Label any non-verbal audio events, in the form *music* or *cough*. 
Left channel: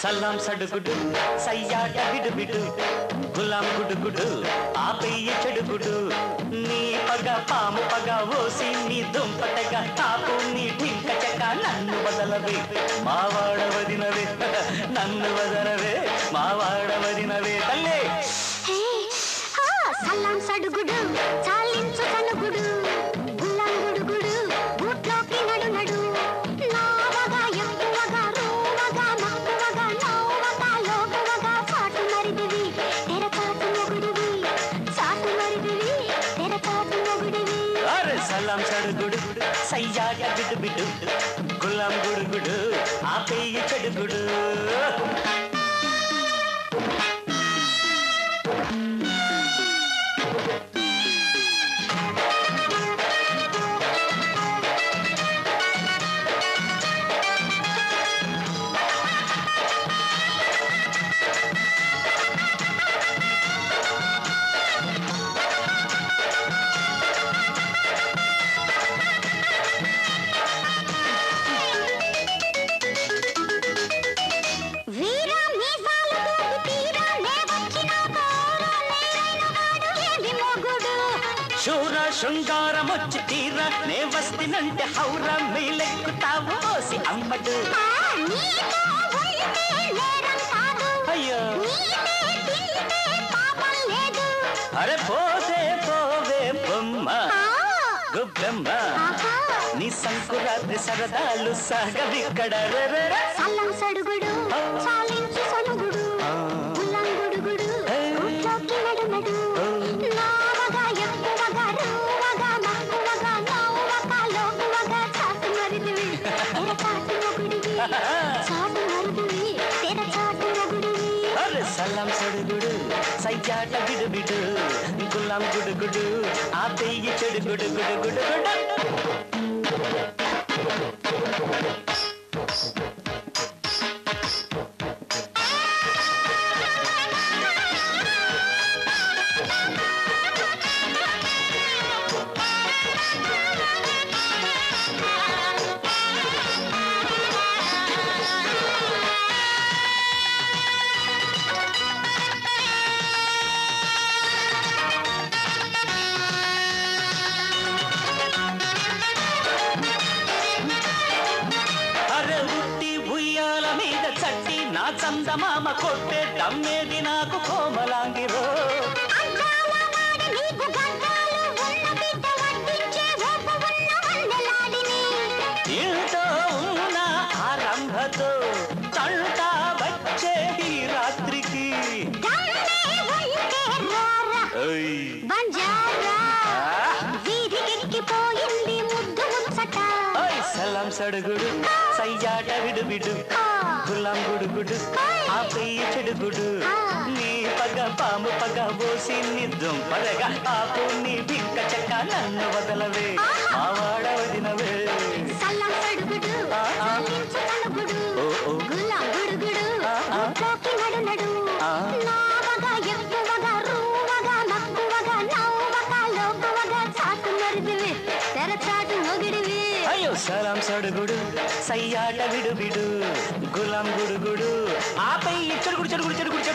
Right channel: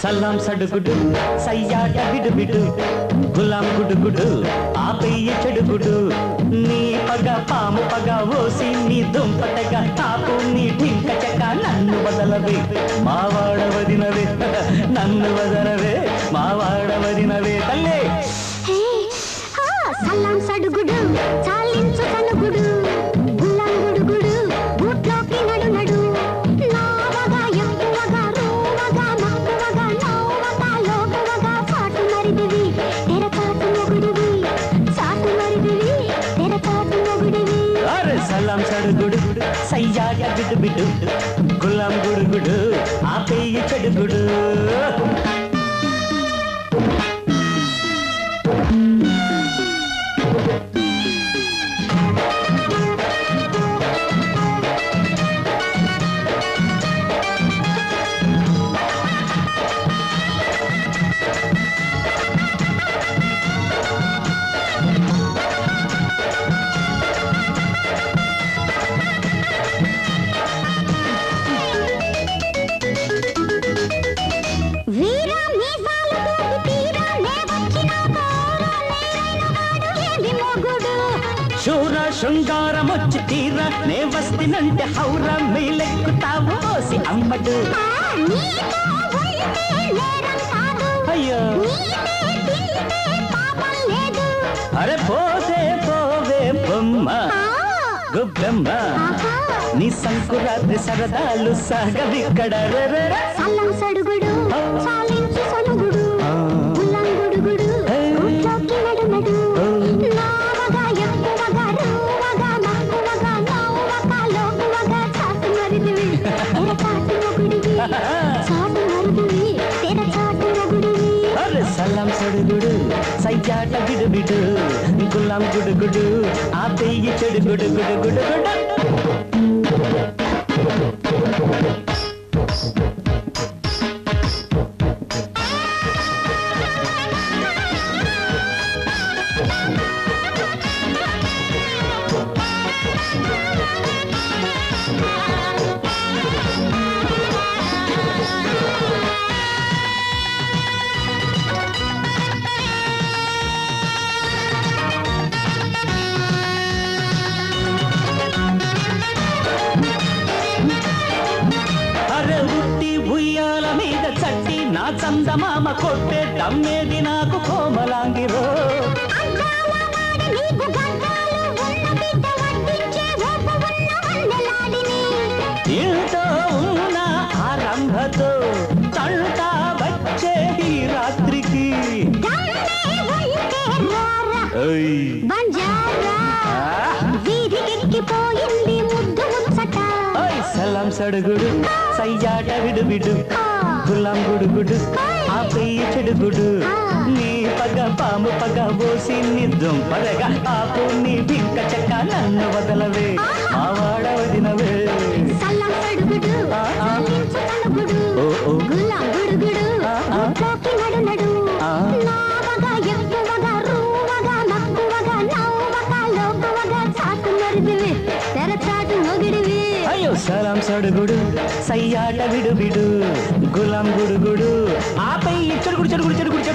సల్లాం సడుగుడు సయ్యాట విడుబిడు గులాం గుడుగుడు ఆపయ్య చెడుగుడు. నీ పగ పాము పగ ఓసి నీ దుంపటగా తాపు నీ టింక చెక్క నన్ను వదలవే మావాడ వదినవే. *laughs* నన్ను వదలవే మావాడ వదినవే. తల్లే! సల్లాం సడుగుడు చాలించు కనుగుడు గుల్లాం గుడుగుడు బూట్లోకి నడు నడు నావగా ఎక్కువగా రూవగా మక్కువగా నవ్వగా లోకువగా చాటు మరిదివి తెర చాటు మొగుడివి చాటు మరిదివి తెర చాటు మొగుడివి. అరే సలాం సడుగుడు సయ్యాట బిడు బిడు గులాం గుడుగుడు ఆ పెయ్యి చెడుగుడు. అమ్మడు. ఆ నీతో ఉంటే నేరం కాదు. అయ్యో. నీతే తింటే పాపం లేదు. అరే పోతే పోవే బొమ్మ. గుబ్బెమ్మ. నీ సంకురాత్రి సరదాలు సాగవిక్కడ. అరే సలాం సడుగుడు సయ్యాట బిడు బిడు గులాం గుడుగుడు ఆ పెయ్యి చెడు గుడు గుడు గుడు చందమామ కొట్టే దమ్మేది నాకు కోమలాంగిరో. గంధాలు ఉన్న ఆరంభతో తంట వచ్చే ఈ రాత్రికి సలాం సడుగుడు సయ్యాట విడు విడు. గులాం గుడుగుడు ఆ పెయ్యి చెడుగుడు. నీ పగ పాము పగ పోసి నీ దుంపదగా ఆపు నీ భింక చెక్క నన్ను వదలవే. మా సలాం సడుగుడు సయ్యాట విడు విడు గులాం గుడుగుడు. ఆపై చెడుగుడు చెడుగుడు చెడుగుడు